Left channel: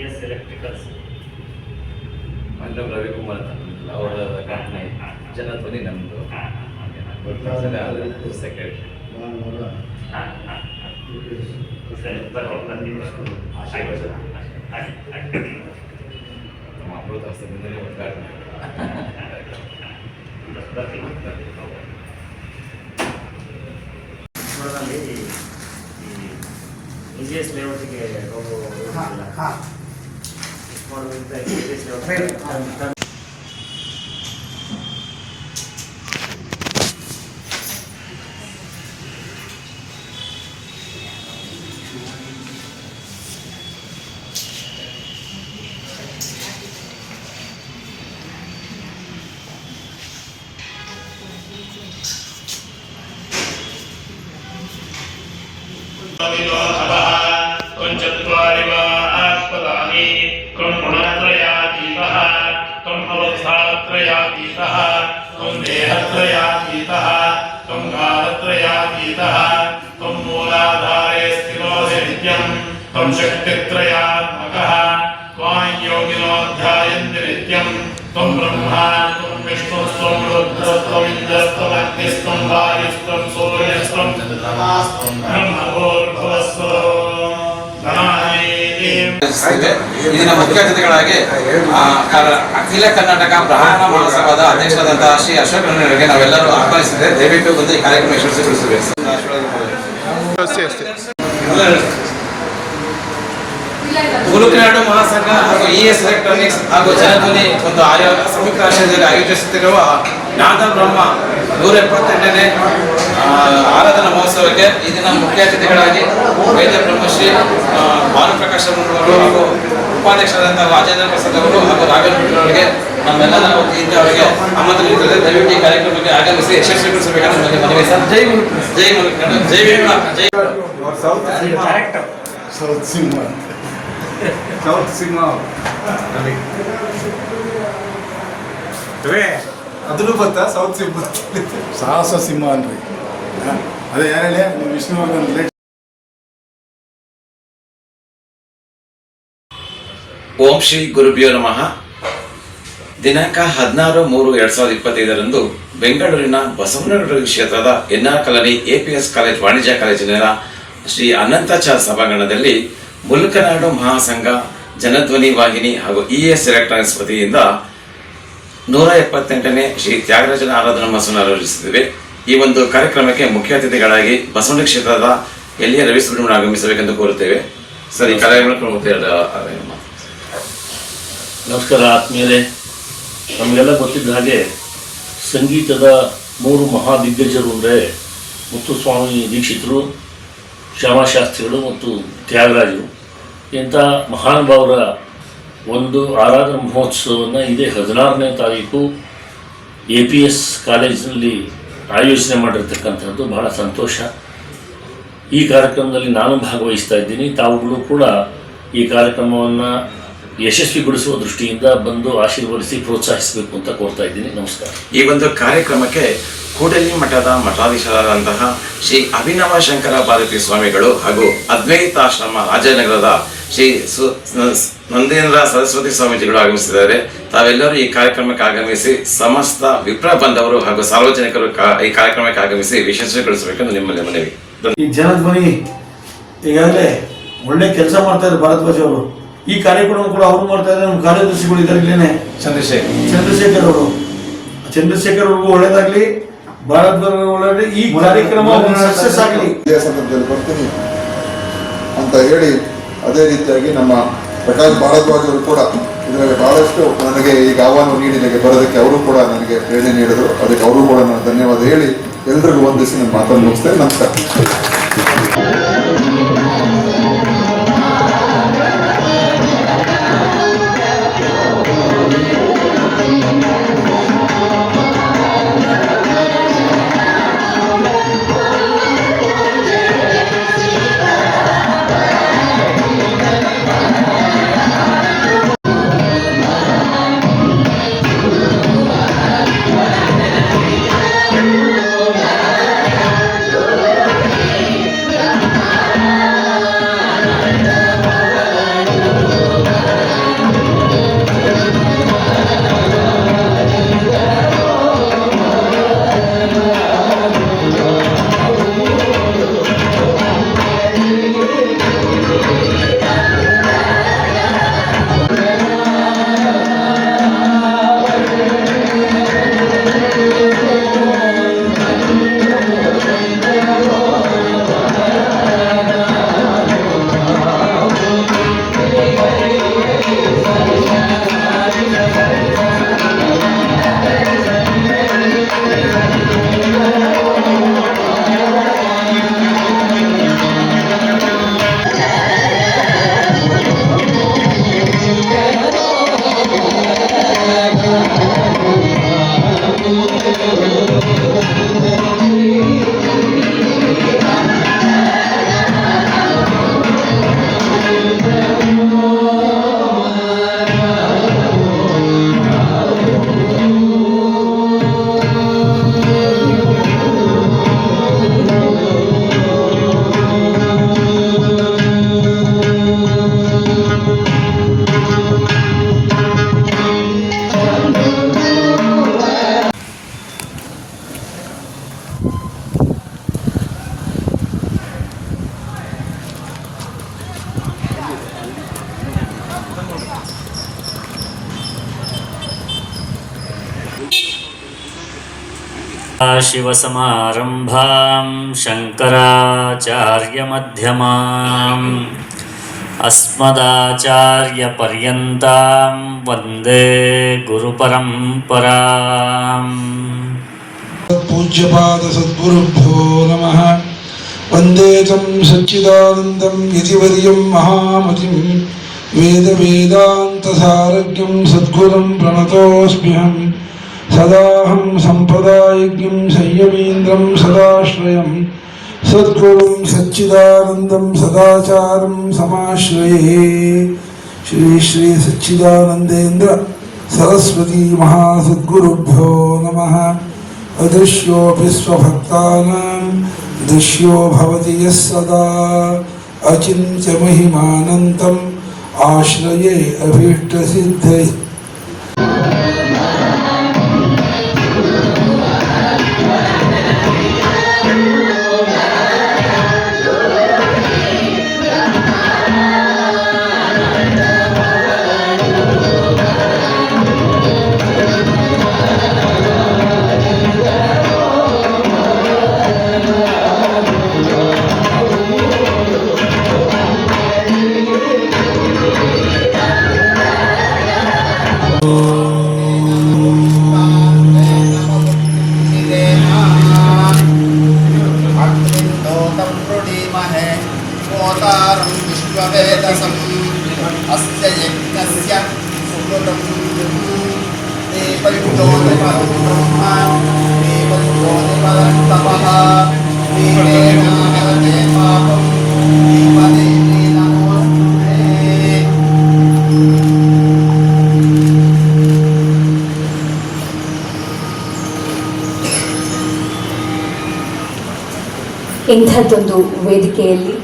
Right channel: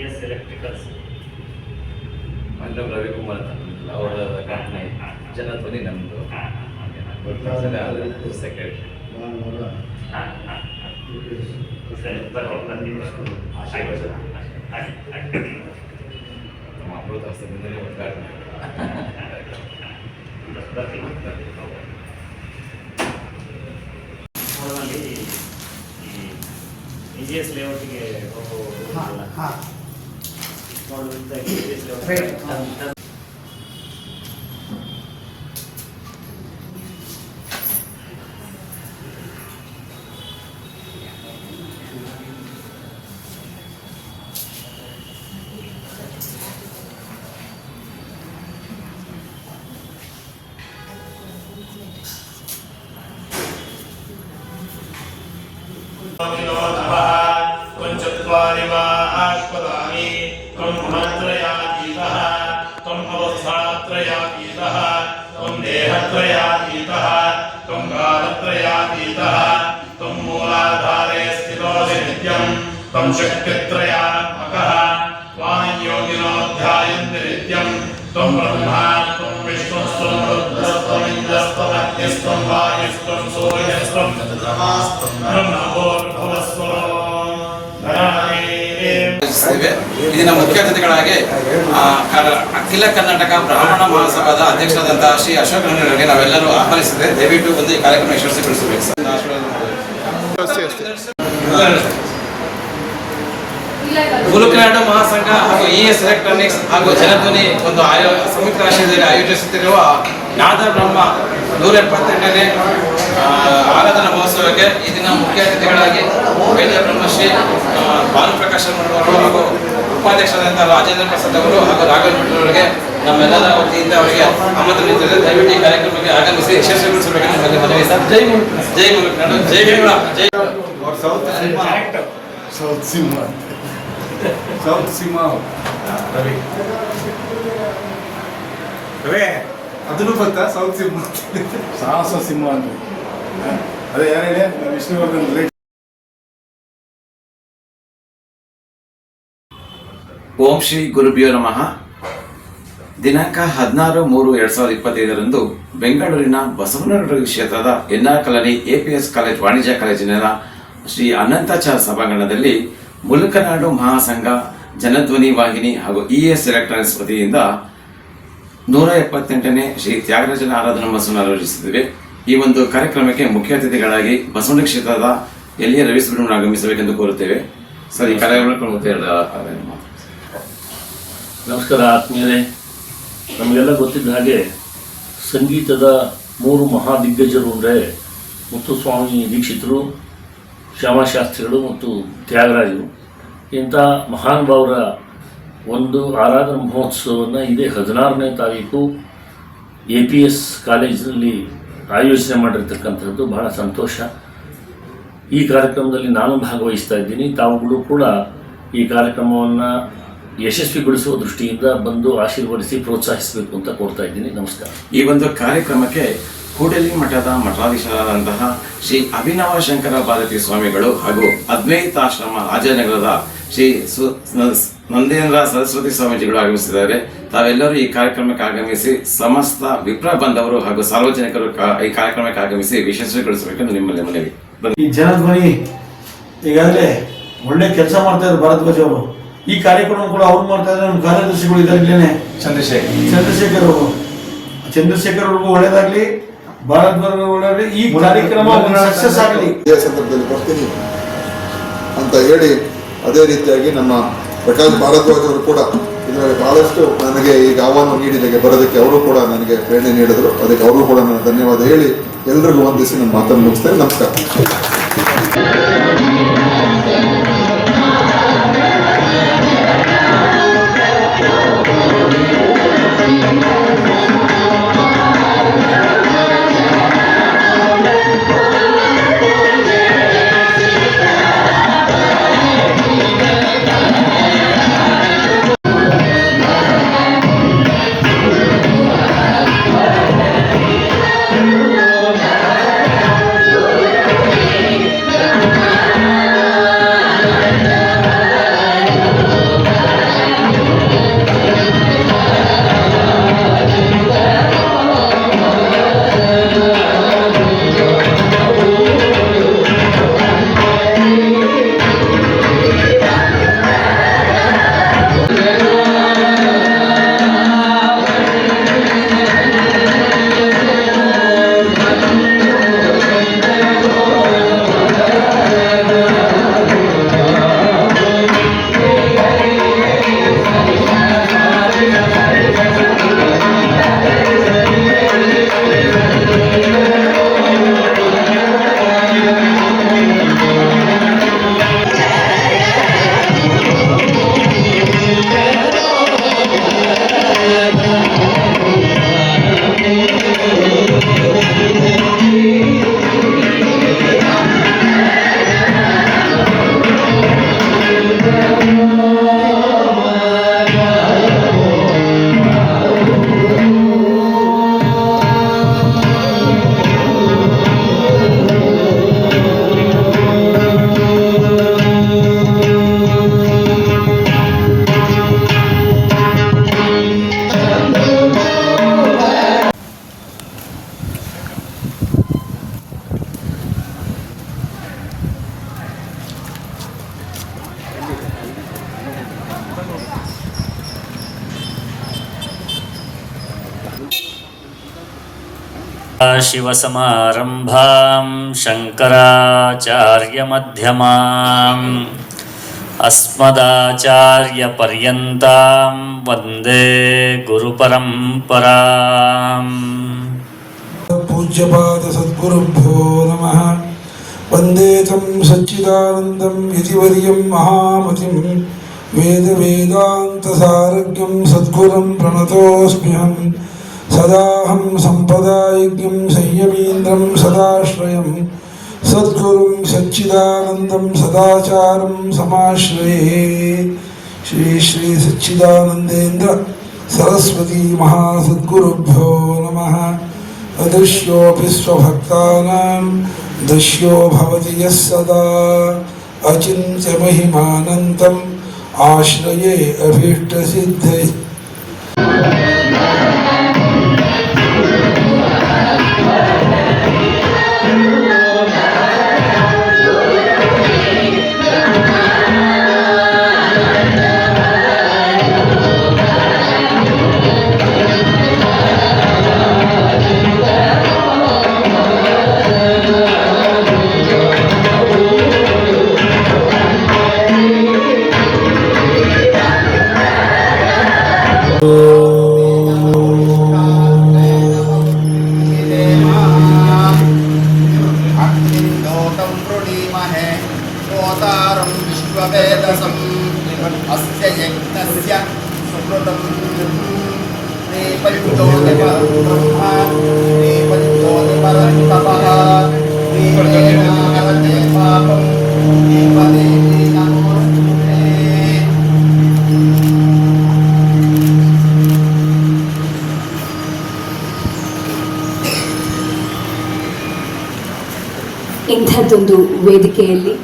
ES electricals ಮಲ್ಲಂ Ravikumar ಅಂತ ಅವರ company Janadhwani ನಮ್ಮದು ಸೆಕ್ರೆಟರಿ. ಸರಿ ಬಂದಿದ್ದು ನಮ್ಮ ಅಮೃತ ಹಸ್ತದಿಂದಲೇ ಉದ್ಘಾಟನೆ. EGS ಲೇಔಟ್ಗೆ ಹೋಗೋ ಮಾಡೋದ್ರಿಂದ EGS ಲೇಔಟ್ शक्तित्रयात्मकः त्वां योगिनो ध्यायन्ति नित्यं त्वं ब्रह्मा त्वं विष्णुस्त्वं रुद्रस्त्वमिन्द्रस्त्वम् अग्निस्त्वं वायुस्त्वं सूर्यस्त्वं चन्द्रमास्त्वं ब्रह्मभूर्भुवस्सुरो ಇಲ್ಲಿನ ಮುಖ್ಯ ಅತಿಥಿಗಳಾಗಿ ಅಖಿಲ ಕರ್ನಾಟಕ ಬ್ರಾಹ್ಮಣ ಮಹಾಸಭಾದ ಅಧ್ಯಕ್ಷರಾದಂತಹ ಶ್ರೀ ಅಶೋಕ್ ಅವರಿಗೆ ನಾವೆಲ್ಲರೂ ಆಹ್ವಾನಿಸಿದ್ರೆ ದಯವಿಟ್ಟು ಒಂದು ಈ ಕಾರ್ಯಕ್ರಮ ಯಶಸ್ವಿಗೊಳಿಸಬೇಕು ಸರ್. ಗುರುಕನಾಡು ಮಹಾಸಂಘ ಹಾಗೂ ES ಎಲೆಕ್ಟ್ರಾನಿಕ್ಸ್ ಹಾಗೂ ಜನಧ್ವನಿ ಒಂದು ಸಂಯುಕ್ತ ಆಶ್ರಯದಲ್ಲಿ ಆಯೋಜಿಸುತ್ತಿರುವ ನಾದ ಬ್ರಹ್ಮ 178ನೇ ಆರಾಧನಾ ಮಹೋತ್ಸವಕ್ಕೆ ಈ ದಿನ ಮುಖ್ಯ ಅತಿಥಿಗಳಾಗಿ ವೈದ್ಯ ಬ್ರಹ್ಮಶ್ರೀ ಭಾನುಪ್ರಕಾಶ್ ಅವರು ಹಾಗೂ ಉಪಾಧ್ಯಕ್ಷರಾದಂತಹ ರಾಜೇಂದ್ರ ಪ್ರಸಾದ್ ಅವರು ಹಾಗೂ ನಾಗೇಂದ್ರ ಅವರಿಗೆ ನಮ್ಮೆಲ್ಲರ ವತಿಯಿಂದ ಅವರಿಗೆ ಆಮಂತ್ರಣ ನೀಡುತ್ತದೆ. ದಯವಿಟ್ಟು ಈ ಕಾರ್ಯಕ್ರಮಕ್ಕೆ ಆಗಮಿಸಿ ಯಶಸ್ವಿಗೊಳಿಸಬೇಕೆಂದು ಮನವಿ ಸರ್. ಜೈ ಮುಲುಕ್ ಜೈ ಮುಲುಕ್ ಜೈ ವೀರ ಜೈ ಸೌತ್ ಸಿಂಹ ರವಿ ಅದನ್ನು ಗೊತ್ತಾ? ಸೌತ್ ಸಿಂಹ ಸಾಹಸ ಸಿಂಹ ಅನ್ರಿ. ಅದೇ ಏನೇಳಿ ವಿಷ್ಣುವರ್ಧನ್. ಓಂ ಶ್ರೀ ಗುರುಭ್ಯೋ ನಮಃ. ದಿನಾಂಕ 16/3/2025 ಬೆಂಗಳೂರಿನ ಬಸವನಗುಡಿ ಕ್ಷೇತ್ರದ NR ಕಾಲನಿ APS ಕಾಲೇಜ್ ವಾಣಿಜ್ಯ ಕಾಲೇಜಿನ ಶ್ರೀ ಅನಂತಾಚಾರ್ಯ ಸಭಾಂಗಣದಲ್ಲಿ ಮುಲುಕನಾಡು ಮಹಾಸಂಘ ಜನಧ್ವನಿ ವಾಹಿನಿ ಹಾಗೂ ES ಎಲೆಕ್ಟ್ರಾನಿಕ್ಸ್ ವತಿಯಿಂದ 178ನೇ ಶ್ರೀ ತ್ಯಾಗರಾಜನ ಆರಾಧನಾ ಮಹೋತ್ಸವ ಆಯೋಜಿಸುತ್ತಿವೆ. ಈ ಒಂದು ಕಾರ್ಯಕ್ರಮಕ್ಕೆ ಮುಖ್ಯ ಅತಿಥಿಗಳಾಗಿ ಬಸವನಗುಡಿ ಕ್ಷೇತ್ರದ LA ರವಿ ಸುಬ್ರಹ್ಮಣ್ಯ ಆಗಮಿಸಬೇಕೆಂದು ಕೋರುತ್ತೇವೆ. ಸರ್, ಈ ಕಾರ್ಯಕ್ರಮಕ್ಕೆ ನಮಸ್ಕಾರ ಆತ್ಮೀಯರೇ. ನಮಗೆಲ್ಲ ಗೊತ್ತಿದ್ದ ಹಾಗೆ ಸಂಗೀತದ 3 ಮಹಾದಿಗ್ಗಜರು ಅಂದರೆ ಮುತ್ತುಸ್ವಾಮಿ ದೀಕ್ಷಿತರು, ಶ್ಯಾಮಶಾಸ್ತ್ರಿಗಳು ಮತ್ತು ತ್ಯಾಗರಾಜರು. ಇಂಥ ಮಹಾನುಭಾವರ ಒಂದು ಆರಾಧನಾ ಮಹೋತ್ಸವವನ್ನು ಇದೇ 16ನೇ ತಾರೀಕು APS ಕಾಲೇಜಿನಲ್ಲಿ ಆಯೋಜನೆ ಮಾಡಿರ್ತಕ್ಕಂಥದ್ದು ಬಹಳ ಸಂತೋಷ. ಈ ಕಾರ್ಯಕ್ರಮದಲ್ಲಿ ನಾನು ಭಾಗವಹಿಸ್ತಾ ಇದ್ದೀನಿ. ತಾವುಗಳು ಕೂಡ ಈ ಕಾರ್ಯಕ್ರಮವನ್ನು ಯಶಸ್ವಿಗೊಳಿಸುವ ದೃಷ್ಟಿಯಿಂದ ಬಂದು ಆಶೀರ್ವದಿಸಿ ಪ್ರೋತ್ಸಾಹಿಸಬೇಕು ಅಂತ ಕೋರ್ತಾ ಇದ್ದೀನಿ. ನಮಸ್ಕಾರ. ಈ ಒಂದು ಕಾರ್ಯಕ್ರಮಕ್ಕೆ ಕೂಡಲಿ ಮಠದ ಮಠಾಧೀಶರಾದಂತಹ ಶ್ರೀ ಅಭಿನವ ಶಂಕರ ಭಾರತಿ ಸ್ವಾಮಿಗಳು ಹಾಗೂ ಅದ್ವೈತಾಶ್ರಮ ರಾಜನಗರದ ಶ್ರೀ ನಂದೇಂದ್ರ ಸರಸ್ವತಿ ಸ್ವಾಮೀಜಿಗಳು ಆಗಮಿಸಿದ್ದಾರೆ. ತಾವೆಲ್ಲರೂ ಈ ಕಾರ್ಯಕ್ರಮಕ್ಕೆ ಆಗಮಿಸಿ ಸಮಸ್ತ ವಿಪ್ರ ಬಂಧವರು ಹಾಗೂ ಸಾರ್ವಜನಿಕರು ಈ ಕಾರ್ಯಕ್ರಮಕ್ಕೆ ಆಗಮಿಸಿ ಯಶಸ್ವಿಗೊಳಿಸಬೇಕೆಂದು ನಿಮ್ಮಲ್ಲಿ ಮನವಿ. ಈ ಜನಧ್ವನಿ ಈಗಾಗಲೇ ಒಳ್ಳೆ ಕೆಲಸ ಮಾಡ್ತಾ ಇದ್ದಾರೆ ಭಾರದ್ವಾಜ್ ಅವರು. ಈ ಕಾರ್ಯಕ್ರಮ ಕೂಡ ಅವ್ರು ಮಾಡ್ತಾ ಇದ್ದಾರೆ. ನಮ್ಮ ಕಾರ್ಯದರ್ಶಿಗಳು ಇದಾಗಲೇ ಚಂದ್ರಶೇಖರ್ ಅವ್ರಿಗೂ ಒಳ್ಳೇದಾಗ್ಲಿ. ಭಾರದ್ವಾಜ್ ಈ ಕಾರ್ಯಕ್ರಮ ಸಕ್ಸಸ್ ಆಗಲಿ ಬರ್ತೀನಿ ಅಂತ ಹೇಳಿ, ಅದೇ ರೀತಿಯಾಗಿ ನಮ್ಮ ಪ್ರಕಾಶ್ ಭಾರದ್ವಾಜ್ ಅವರು ಕೂಡ ಇದರಲ್ಲಿ ಬಹಳಷ್ಟು ನನಗೆ ಈಗ ಆಹ್ವಾನ ನೀಡಿದಾಗ ಬರೋದಕ್ಕೆ ಅವರು ಕೂಡ ನನಗೆ ಪ್ರೇರಣೆ ನೀಡಿದರು. ಅದಕ್ಕೆ ಅವರು ಕೂಡ ನಾನು ಧನ್ಯವಾದ ಹೇಳಿ ಎಲ್ಲರಿಗೂ ವಂದಿಸಿ ನನ್ನ ಮಾತನ್ನು ಮುಗಿಸ್ತೇನೆ. ನಮಸ್ಕಾರ. शिवसमारम्भां शङ्कराचार्यमध्यमाम् अस्मदाचार्यपर्यन्तां वन्दे गुरुपरम्पराम्। पूज्यपाद सद्गुरुभ्यो नमः। वन्दे तं सच्चिदानन्दं यतिवर्यं महामतिं वेदवेदान्तसारज्ञं सद्गुरुं प्रणतोऽस्म्यहं। सदाहं सम्पदायज्ञं संयमीन्द्रं सदाश्रयं सद्गुरुं सच्चिदानन्दं सदाचारं समाश्रये। श्री श्री सच्चिदानन्देन्द्र सरस्वती महासद्गुरुभ्यो नमः। अदृश्योऽपि स्वभक्तानां दृश्यो भवति यः सदा अचिन्त्यमहिमानन्तम् आश्रये अभीष्टसिद्धये। ಇಂಥದ್ದೊಂದು ವೇದಿಕೆಯಲ್ಲಿ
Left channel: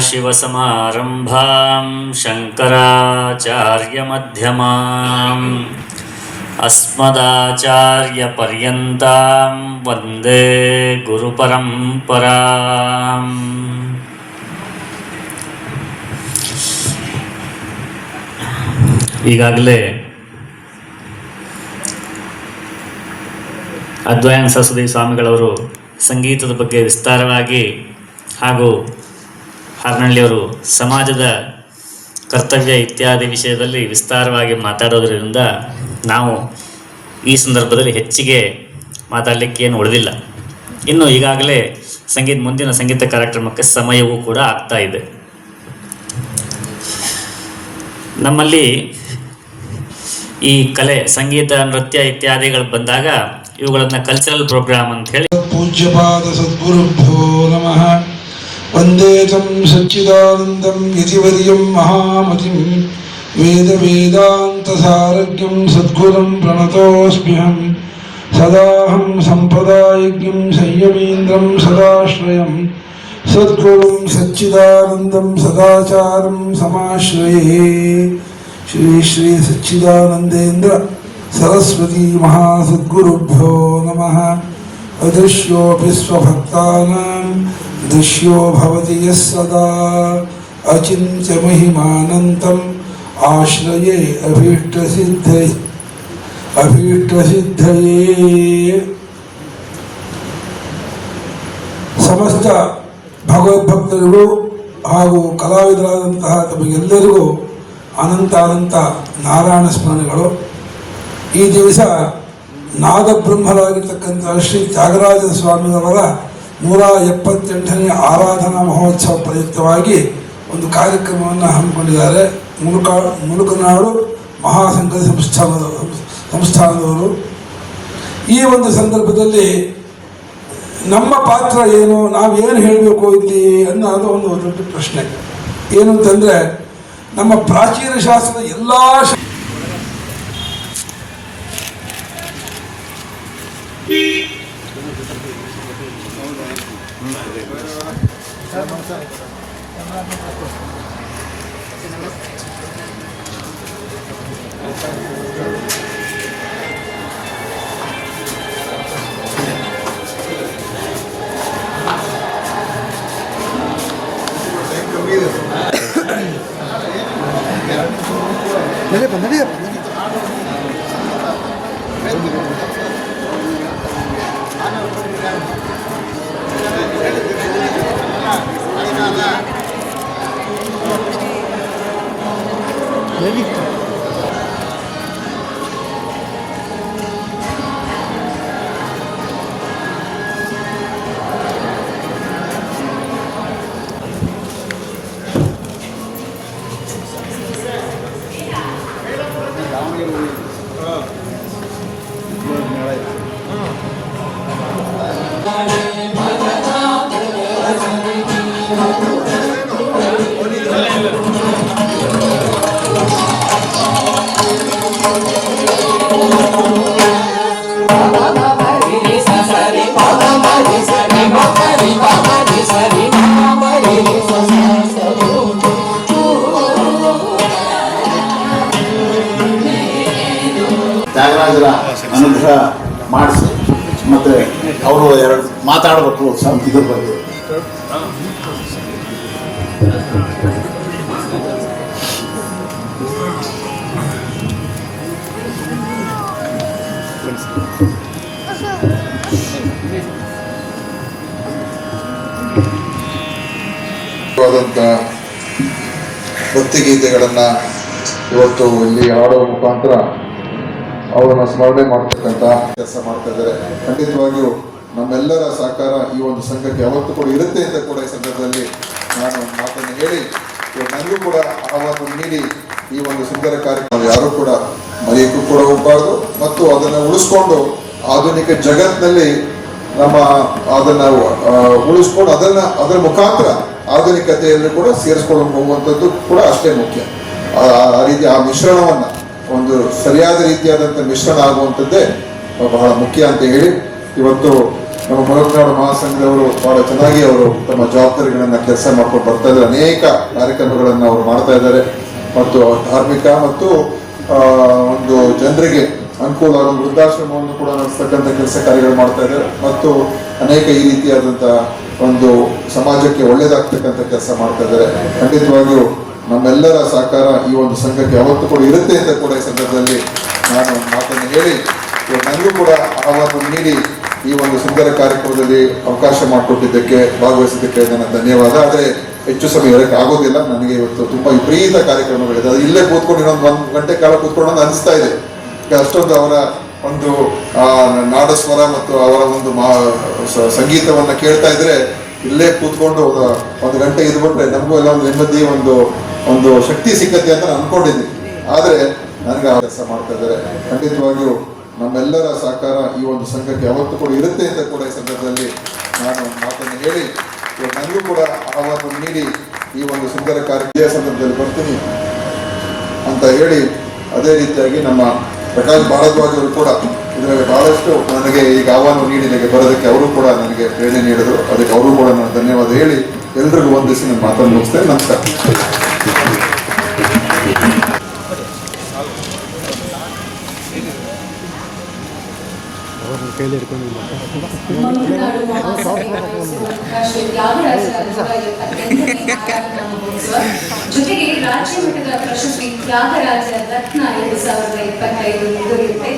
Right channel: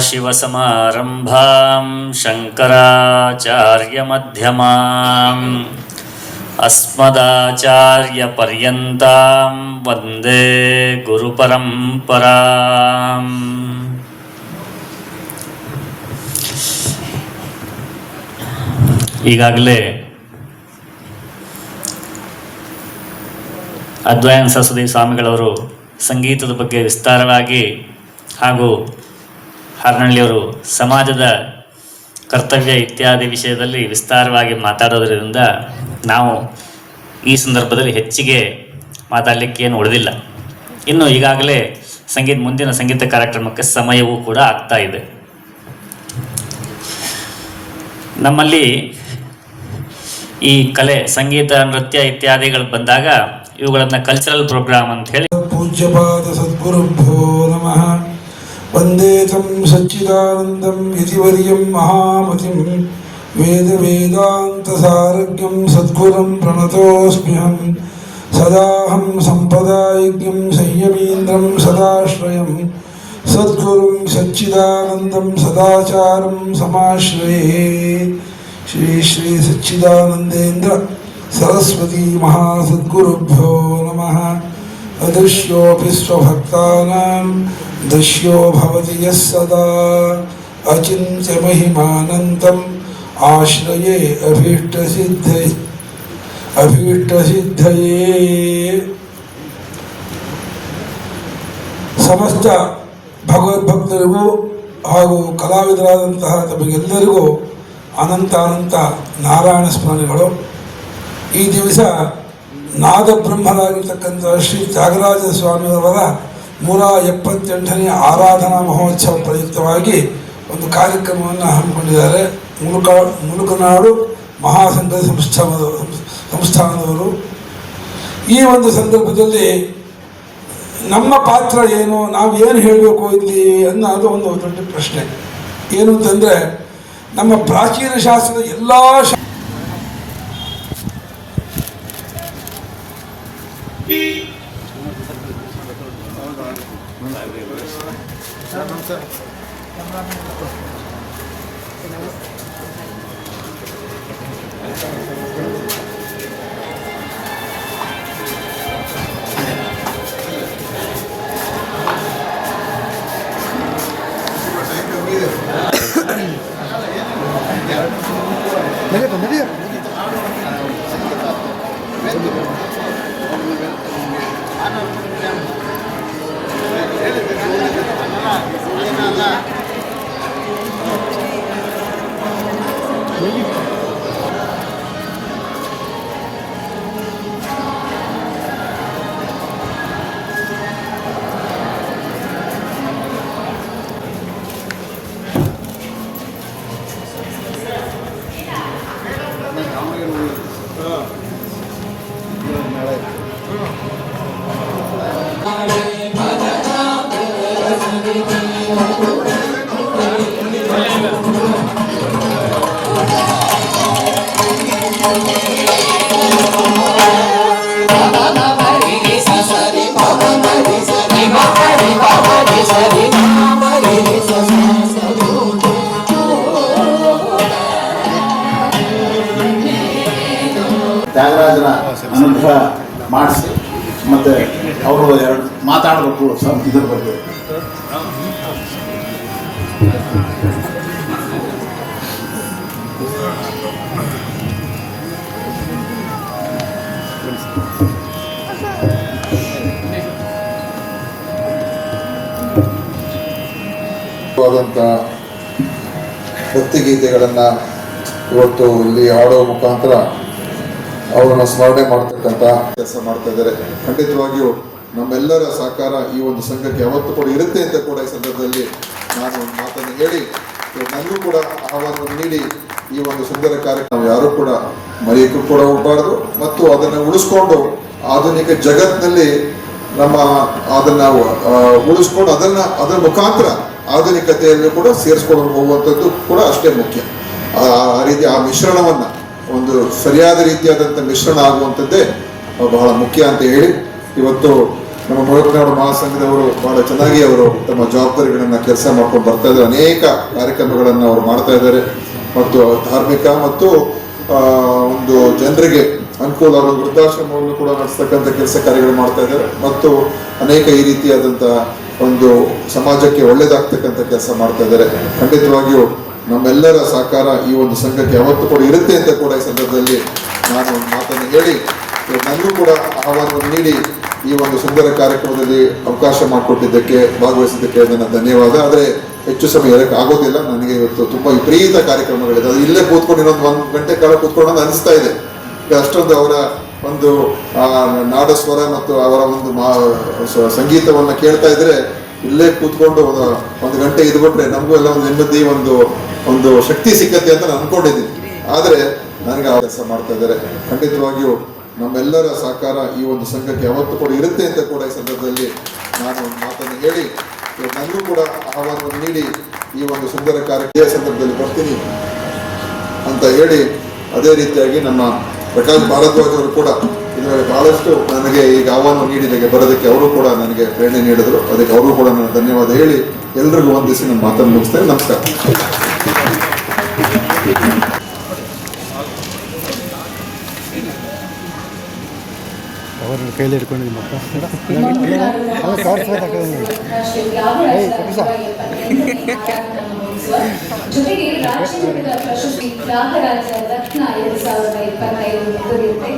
ಶಿವಸಮಾರಂಭಾಂ ಶಂಕರಾಚಾರ್ಯಮಧ್ಯಮಾಂ ಅಸ್ಮದಾಚಾರ್ಯಪರ್ಯಂತಾಂ ವಂದೇ ಗುರುಪರಂಪರಾಂ. ಈಗಾಗಲೇ ಅದ್ವೈತ ಸರಸ್ವತಿ ಸ್ವಾಮಿಗಳವರು ಸಂಗೀತದ ಬಗ್ಗೆ ವಿಸ್ತಾರವಾಗಿ ಹಾಗೂ ಹಾರನಹಳ್ಳಿಯವರು ಸಮಾಜದ ಕರ್ತವ್ಯ ಇತ್ಯಾದಿ ವಿಷಯದಲ್ಲಿ ವಿಸ್ತಾರವಾಗಿ ಮಾತಾಡೋದರಿಂದ ನಾವು ಈ ಸಂದರ್ಭದಲ್ಲಿ ಹೆಚ್ಚಿಗೆ ಮಾತಾಡಲಿಕ್ಕೆ ಏನು ಉಳಿದಿಲ್ಲ. ಇನ್ನು ಈಗಾಗಲೇ ಮುಂದಿನ ಸಂಗೀತ ಕಾರ್ಯಕ್ರಮಕ್ಕೆ ಸಮಯವೂ ಕೂಡ ಆಗ್ತಾ ಇದೆ. ನಮ್ಮಲ್ಲಿ ಈ ಕಲೆ, ಸಂಗೀತ, ನೃತ್ಯ ಇತ್ಯಾದಿಗಳು ಬಂದಾಗ ಇವುಗಳನ್ನು ಕಲ್ಚರಲ್ ಪ್ರೋಗ್ರಾಮ್ ಅಂತ ಹೇಳಿ. पूज्यपाद सद्गुरुभ्यो नमः। वन्दे तं सच्चिदानन्दं यतिवर्यं महामतिं वेदवेदान्तसारज्ञं सद्गुरुं प्रणतोऽस्म्यहं। सदाहं सम्पदायज्ञं संयमीन्द्रं सदाश्रयं ಸದ್ಗುರುಂ ಸಚ್ಚಿದಾನಂದಂ ಸದಾಚಾರಂ ಸಮಾಶ್ರಯೇ. ಶ್ರೀ ಶ್ರೀ ಸಚ್ಚಿದಾನಂದೇಂದ್ರ ಸರಸ್ವತಿ ಮಹಾಸದ್ಗುರುಭ್ಯೋ ನಮಃ. ಅದೃಶ್ಯೋಪಿ ಸ್ವಭಕ್ತಾನಾಂ ದೃಶ್ಯೋ ಭವತಿ ಯಃ ಸದಾ. ಅಚಿಂತ್ಯ ಮಹಿಮಾನಂತಂ ಆಶ್ರಯೇ ಅಭೀಷ್ಟಸಿದ್ಧಯೇ. ಸಮಸ್ತ ಭಗವದ್ಭಕ್ತರಿಗೂ ಹಾಗೂ ಕಲಾವಿದರಾದಂತಹ ತಮಗೆಲ್ಲರಿಗೂ ಅನಂತ ನಾರಾಯಣ ಸ್ಮರಣೆಗಳು. ಈ ದಿವಸ ನಾದಬ್ರಹ್ಮರಾಗಿರ್ತಕ್ಕಂಥ ಶ್ರೀ ತ್ಯಾಗರಾಜ ಸ್ವಾಮಿಯವರ 178ನೇ ಆರಾಧನಾ ಮಹೋತ್ಸವ ಪ್ರಯುಕ್ತವಾಗಿ ಒಂದು ಕಾರ್ಯಕ್ರಮವನ್ನು ಹಮ್ಮಿಕೊಂಡಿದ್ದಾರೆ ಮುಳುಕನಾಡು ಮಹಾಸಂಘದ ಸಂಸ್ಥಾನದವರು. ಈ ಒಂದು ಸಂದರ್ಭದಲ್ಲಿ ನಮ್ಮ ಪಾತ್ರ ಏನು, ನಾವು ಏನು ಹೇಳಬೇಕು ಇಲ್ಲಿ ಅನ್ನೋದು ಒಂದು ದೊಡ್ಡ ಪ್ರಶ್ನೆ. ಏನು ಅಂತಂದರೆ, ನಮ್ಮ ಪ್ರಾಚೀನ ಶಾಸ್ತ್ರದ ಎಲ್ಲ ತ್ಯಾಗರಾಜರ ಅನುಗ್ರಹ ಮಾಡಿಸಿ ಮತ್ತು ಅವರು ಎರಡು ಮಾತಾಡಬೇಕು ಇದ್ರ ಬಗ್ಗೆ. ಭಕ್ತಿಗೀತೆಗಳನ್ನು ಇವತ್ತು ಇಲ್ಲಿ ಹಾಡೋ ಮುಖಾಂತರ ಅವರನ್ನು ಸ್ಮರಣೆ ಮಾಡ್ತಕ್ಕಂಥ ಕೆಲಸ ಮಾಡ್ತಾ ಇದ್ದಾರೆ. ಖಂಡಿತವಾಗಿಯೂ ನಮ್ಮೆಲ್ಲರ ಸಹಕಾರ ಈ ಒಂದು ಸಂಘಕ್ಕೆ ಯಾವತ್ತೂ ಕೂಡ ಇರುತ್ತೆ ಅಂತ ಕೂಡ ಈ ಸಂದರ್ಭದಲ್ಲಿ ನಾನು ಮಾತನ್ನು ಹೇಳಿ, ನನಗೂ ಕೂಡ ಆಹ್ವಾನ ನೀಡಿ ಈ ಒಂದು ಸುಂದರ ಕಾರ್ಯಕ್ರಮ ಯಾರೂ ಕೂಡ ಮರೆಯಕ್ಕೂ ಕೂಡ ಹೋಗಬಾರ್ದು ಮತ್ತು ಅದನ್ನು ಉಳಿಸ್ಕೊಂಡು ಆಧುನಿಕ ಜಗತ್ತಿನಲ್ಲಿ ನಮ್ಮ ಅದನ್ನು ಉಳಿಸ್ಕೊಂಡು ಅದರ ಮುಖಾಂತರ ಆಧುನಿಕತೆಯನ್ನು ಕೂಡ ಸೇರಿಸ್ಕೊಂಡು ಹೋಗುವಂಥದ್ದು ಕೂಡ ಅಷ್ಟೇ ಮುಖ್ಯ. ಆ ರೀತಿ ಆ ಮಿಶ್ರಣವನ್ನು ಒಂದು ಸರಿಯಾದ ರೀತಿಯಾದಂಥ ಮಿಶ್ರಣ ಆಗುವಂಥದ್ದೇ ಬಹಳ ಮುಖ್ಯ ಅಂತ ಹೇಳಿ, ಇವತ್ತು ನಮ್ಮ ಮುಳುಕನಾಡು ಮಹಾಸಂಘದವರು ಬಹಳ ಚೆನ್ನಾಗಿ ಅವರು ತಮ್ಮ ಜವಾಬ್ದಾರಿಗಳನ್ನು ಕೆಲಸ ಮಾಡ್ಕೊಂಡು ಬರ್ತಾ ಇದ್ದಾರೆ. ಅನೇಕ ಕಾರ್ಯಕ್ರಮಗಳನ್ನು ಅವರು ಮಾಡ್ತಾ ಇದ್ದಾರೆ ಮತ್ತು ಧಾರ್ಮಿಕ ಮತ್ತು ಒಂದು ಜನರಿಗೆ ಅನುಕೂಲ ಆಗುವ ವೃದ್ಧಾಶ್ರಮವನ್ನು ಕೂಡ ನಡೆಸ್ತಕ್ಕಂಥ ಕೆಲಸ ಕಾರ್ಯಗಳು ಮಾಡ್ತಾ ಇದ್ದಾರೆ ಮತ್ತು ಅನೇಕ ಈ ರೀತಿಯಾದಂಥ ಒಂದು ಸಮಾಜಕ್ಕೆ ಒಳ್ಳೆಯದಾಗ್ತಕ್ಕಂಥ ಕೆಲಸ ಮಾಡ್ತಾ ಇದ್ದಾರೆ. ಖಂಡಿತವಾಗಿಯೂ ನಮ್ಮೆಲ್ಲರ ಸಹಕಾರ ಈ ಒಂದು ಸಂಘಕ್ಕೆ ಯಾವತ್ತೂ ಕೂಡ ಇರುತ್ತೆ ಅಂತ ಕೂಡ ಈ ಸಂದರ್ಭದಲ್ಲಿ ನಾನು ಮಾತನ್ನು ಹೇಳಿ, ನನಗೂ ಕೂಡ ಆಹ್ವಾನ ನೀಡಿ ಈ ಒಂದು ಸುಂದರ ಕಾರ್ಯಕ್ರಮದಲ್ಲಿ ಅವಕಾಶ ಮಾಡಿಕೊಟ್ಟಿದ್ದಕ್ಕೆ ಭಾಗವಹಿಸಿದ್ದಕ್ಕೆ ನನ್ನ ಧನ್ಯವಾದ. ಆದರೆ ಹೆಚ್ಚು ಸಮಯ ಹೇಳಕ್ಕೆ ಆಗೋದಿಲ್ಲ, ನನಗೆ ಇವತ್ತು ತುಂಬ ವಿಪರೀತ ಕಾರ್ಯಕ್ರಮಗಳಿದೆ. ಅದು ಇಲ್ಲೇ ಕೂತ್ಕೊಂಡು ಇನ್ನೊಂದು 1 ಗಂಟೆ ಕಾಲ ಕೂತ್ಕೊಂಡು ಅನಿಸ್ತಾ ಇದೆ. ಅಷ್ಟೊಂದು ಅವರ ಒಂದು ನಾಡಸ್ವರ ಮತ್ತು ಅವರ ಒಂದು ಸಂಗೀತವನ್ನು ಕೇಳ್ತಾ ಇದ್ರೆ ಇಲ್ಲೇ ಕೂತ್ಕೊಂಡು 1 ಗಂಟೆ ಇದ್ಬಿಟ್ರೆ ನಮಗೂ ಎಲ್ಲ ಒಂದು ನೆಮ್ಮದಿ ಒಂದು ಶಕ್ತಿ ಸಿಕ್ಕತ್ತೆ ಅಂತ ನಾನು ಅನ್ಕೊಂಡಿದ್ದೀನಿ. ಆದರೆ ನನಗೆ ಆ ಕೆಲಸ ಮಾಡ್ತಾ ಇದ್ದಾರೆ. ಖಂಡಿತವಾಗಿಯೂ ನಮ್ಮೆಲ್ಲರ ಸಹಕಾರ ಈ ಒಂದು ಸಂಘಕ್ಕೆ ಯಾವತ್ತೂ ಕೂಡ ಇರುತ್ತೆ ಅಂತ ಕೂಡ ಈ ಸಂದರ್ಭದಲ್ಲಿ ನಾನು ಮಾತನ್ನು ಹೇಳಿ, ನನಗೂ ಕೂಡ ಆಹ್ವಾನ ನೀಡಿ ಈ ಒಂದು ಸುಂದರ ಕಾರ್ಯಕ್ರಮ ಸಂದರ್ಭದಲ್ಲಿ ಬರ್ತೀನಿ ಅಂತ ಹೇಳಿ, ಅದೇ ರೀತಿಯಾಗಿ ನಮ್ಮ ಪ್ರಕಾಶ್ ಭಾರದ್ವಾಜ್ ಅವರು ಕೂಡ ಇದರಲ್ಲಿ ಬಹಳಷ್ಟು ನನಗೆ ಈಗ ಆಹ್ವಾನ ನೀಡಿದಾಗ ಬರೋದಕ್ಕೆ ಅವರು ಕೂಡ ನನಗೆ ಪ್ರೇರಣೆ ನೀಡಿದರು. ಅದಕ್ಕೆ ಅವರು ಕೂಡ ನಾನು ಧನ್ಯವಾದ ಹೇಳಿ ಎಲ್ಲರಿಗೂ ವಂದಿಸಿ ನನ್ನ ಮಾತನ್ನು ಮುಗಿಸ್ತೇನೆ. ನಮಸ್ಕಾರ. ಜೊತೆಗೆ ರಾಜ್ಯ ಮಟ್ಟದ ಪ್ರಶಸ್ತಿ ತ್ಯಾಗರಾಜ ರತ್ನ 2025 ದೊರೆಯುತ್ತೆ.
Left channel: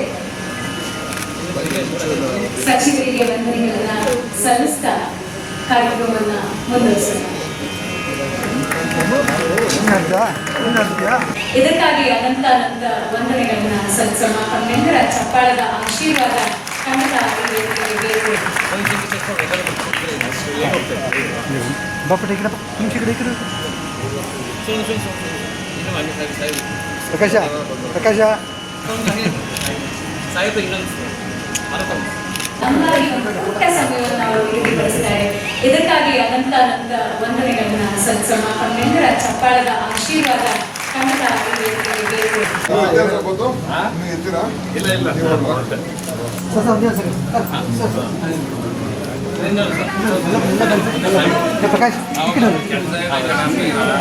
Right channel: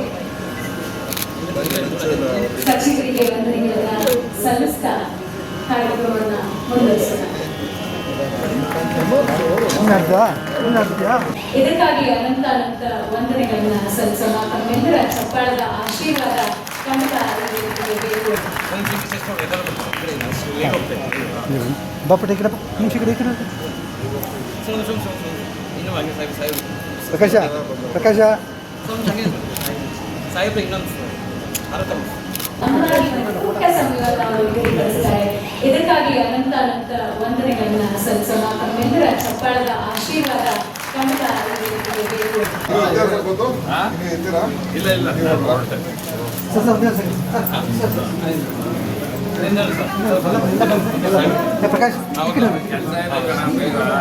ಸಚಿವರಿಗೆ ವಂದನೆಗಳನ್ನ ಸಲ್ಲಿಸ್ತಾ ಕಾರ್ಯಕ್ರಮವನ್ನ ಮುಂದುವರಿಸೋಣ. ಇದಕ್ಕಾಗಿ ಅನಂತ ವಂದನೆಗಳನ್ನ ಸಲ್ಲಿಸೋಣ. ತಮ್ಮೆಲ್ಲರ ಚಪ್ಪಾಳದ ಆಶೀರ್ವಾದ ಖಂಡಿತ ಬೇಕು. ಅಂಗಾಗಿ ಒಂದು ಪುಟ್ಟ ಸಮಯವನ್ನು ಅವರು ನಿಗದಿಪಡಿಸ್ತಾರೆ. ಇದಕ್ಕಾಗಿ ಅನಂತ ವಂದನೆಗಳನ್ನ ಸಲ್ಲಿಸೋಣ. ತಮ್ಮೆಲ್ಲರ ಚಪ್ಪಾಳದ ಆಶೀರ್ವಾದ ಖಂಡಿತ ಬೇಕು.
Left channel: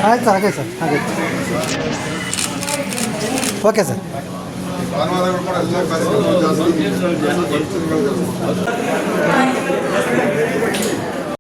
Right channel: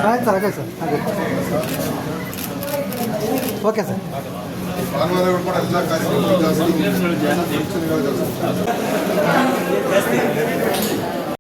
ಆಯ್ತು, ಹಾಗೆ ಸರ್, ಹಾಗೆ ಓಕೆ ಸರ್. ಭಾನುವಾರಗಳು ಕೂಡ ಎಲ್ಲ ಕಾರ್ಯಕ್ರಮಗಳು ಜಾಸ್ತಿ